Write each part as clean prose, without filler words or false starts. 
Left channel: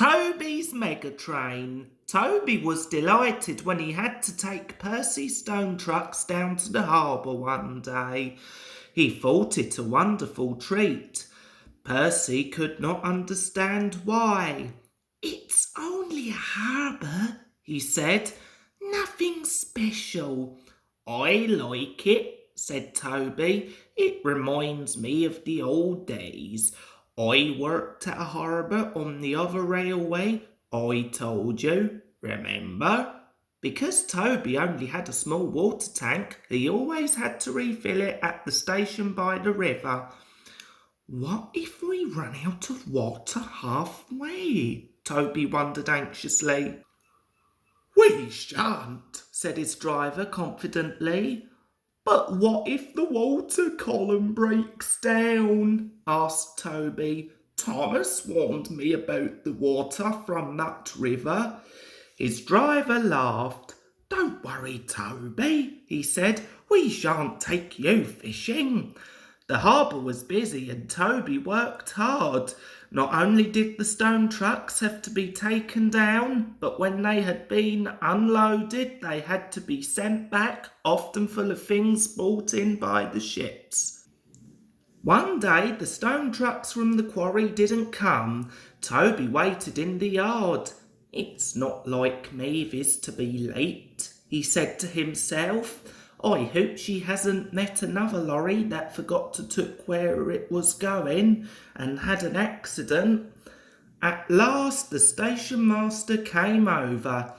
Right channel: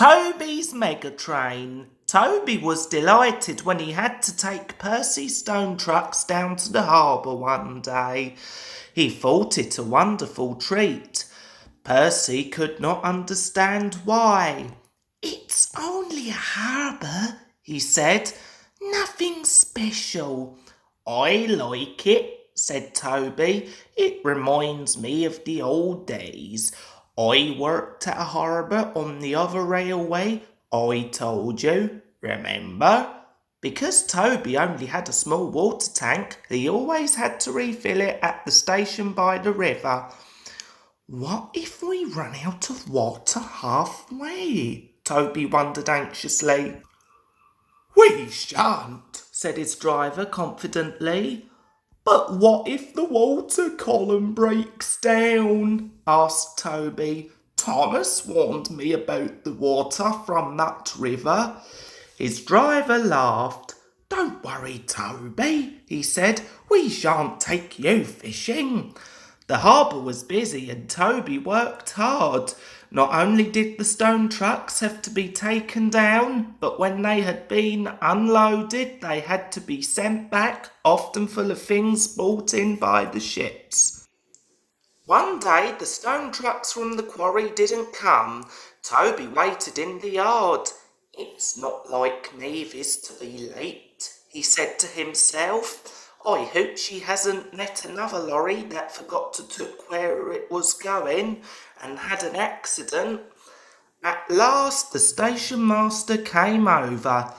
Toby's Megatrain. Toby was delighted when he had to take Percy's stone trucks down to the harbour one day. He thought it a wonderful treat. Percy could not understand why. "It's only a harbour," he said. "Nothing special." "I like it," said Toby. "It reminds me of the old days. I worked at a harbour on the other railway. I told you, remember?" Because Toby only had a small water tank, he always had to refill it at the station by the river. "What if we run out of water halfway?" Toby wondered anxiously. "We shan't," said his driver confidently. "But what if the water column breaks down?" asked Toby. "Thomas warned me about the water from that river." His driver laughed. "Don't worry, Toby," he said. "We shan't take you fishing." The harbour was busy and Toby worked hard. Not only did the stone trucks have to be taken down, but when they had been unloaded, they had to be sent back, often full of things brought in by the ships. One day the stone trucks from the quarry didn't come. Toby waited in the yard. "It's not like Mavis to be late," he said to himself. "I hope she hasn't met another lorry that forgot to took where it was going and had an accident." At last the station master came over.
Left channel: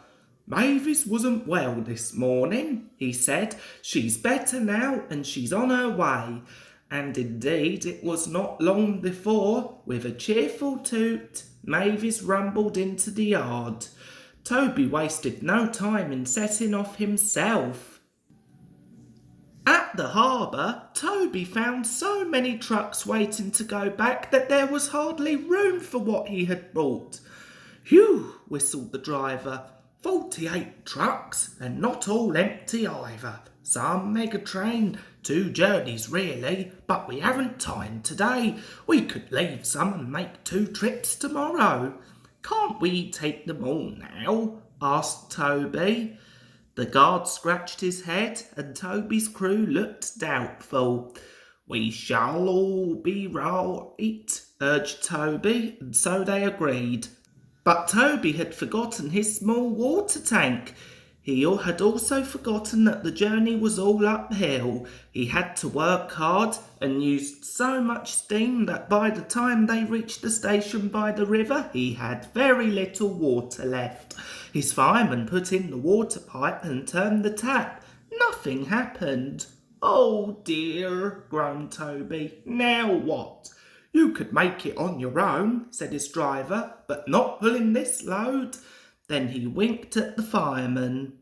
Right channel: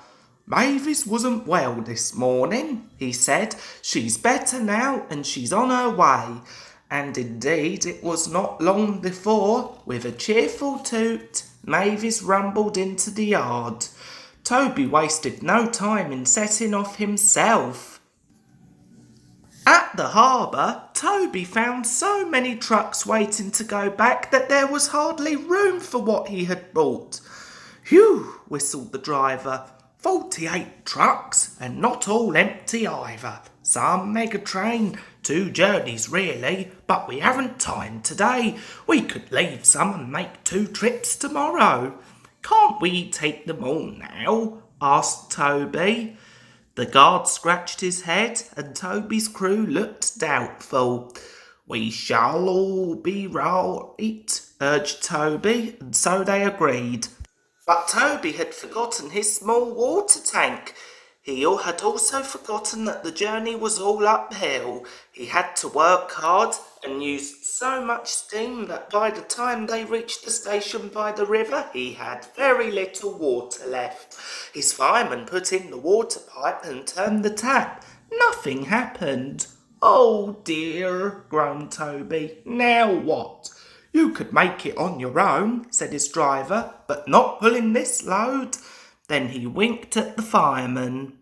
"Mavis wasn't well this morning," he said. "She's better now and she's on her way." And indeed it was not long before, with a cheerful toot, Mavis rumbled into the yard. Toby wasted no time in setting off himself. At the harbour, Toby found so many trucks waiting to go back that there was hardly room for what he had brought. "Phew," whistled the driver. 48 trucks, and not all empty either. Some Megatrain, 2 journeys really, but we haven't time today. We could leave some and make 2 trips tomorrow." "Can't we take them all now?" asked Toby. The guard scratched his head and Toby's crew looked doubtful. "We shall all be right," urged Toby, and so they agreed. But Toby had forgotten his small water tank. He had also forgotten that the journey was all uphill. He had to work hard and used so much steam that by the time they reached the station by the river, he had very little water left. His fireman put in the water pipe and turned the tap. Nothing happened. "Oh dear," groaned Toby. "Now what?" "You could make it on your own," said his driver, "but not pulling this load." Then he winked at the fireman.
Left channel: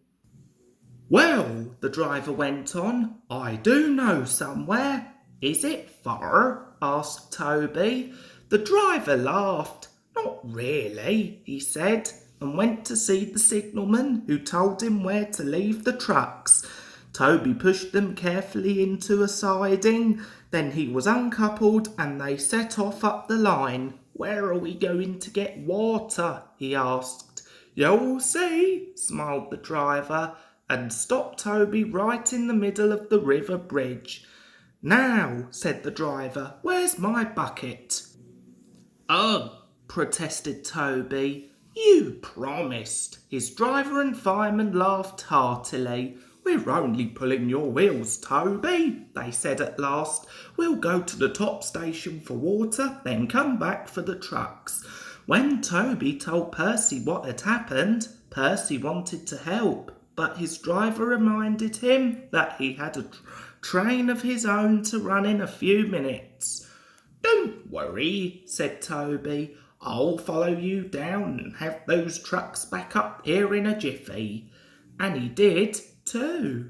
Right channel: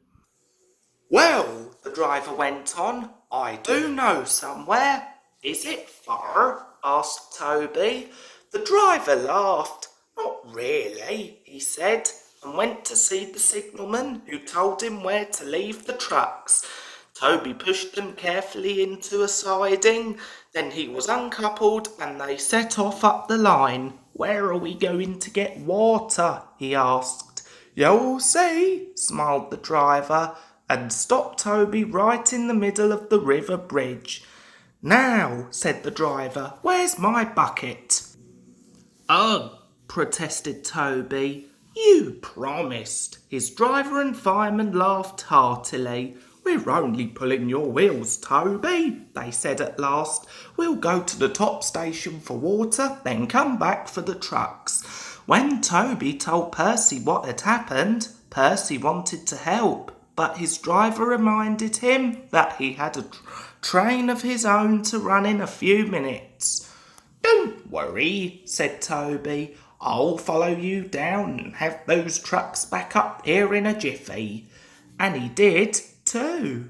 "Well," the driver went on, "I do know somewhere." "Is it far?" asked Toby. The driver laughed. "Not really," he said, and went to see the signalman, who told him where to leave the trucks. Toby pushed them carefully into a siding. Then he was uncoupled and they set off up the line. "Where are we going to get water?" he asked. "You'll see," smiled the driver, and stopped Toby right in the middle of the river bridge. "Now," said the driver, "where's my bucket?" "Ugh," protested Toby. "You promised." His driver and fireman laughed heartily. "We're only pulling your wheels, Toby," they said at last. "We'll go to the top station for water, then come back for the trucks." When Toby told Percy what had happened, Percy wanted to help, but his driver reminded him that he had a train of his own to run in a few minutes. "Don't worry," said Toby. "I'll follow you down and have those trucks back up here in a jiffy." And he did too.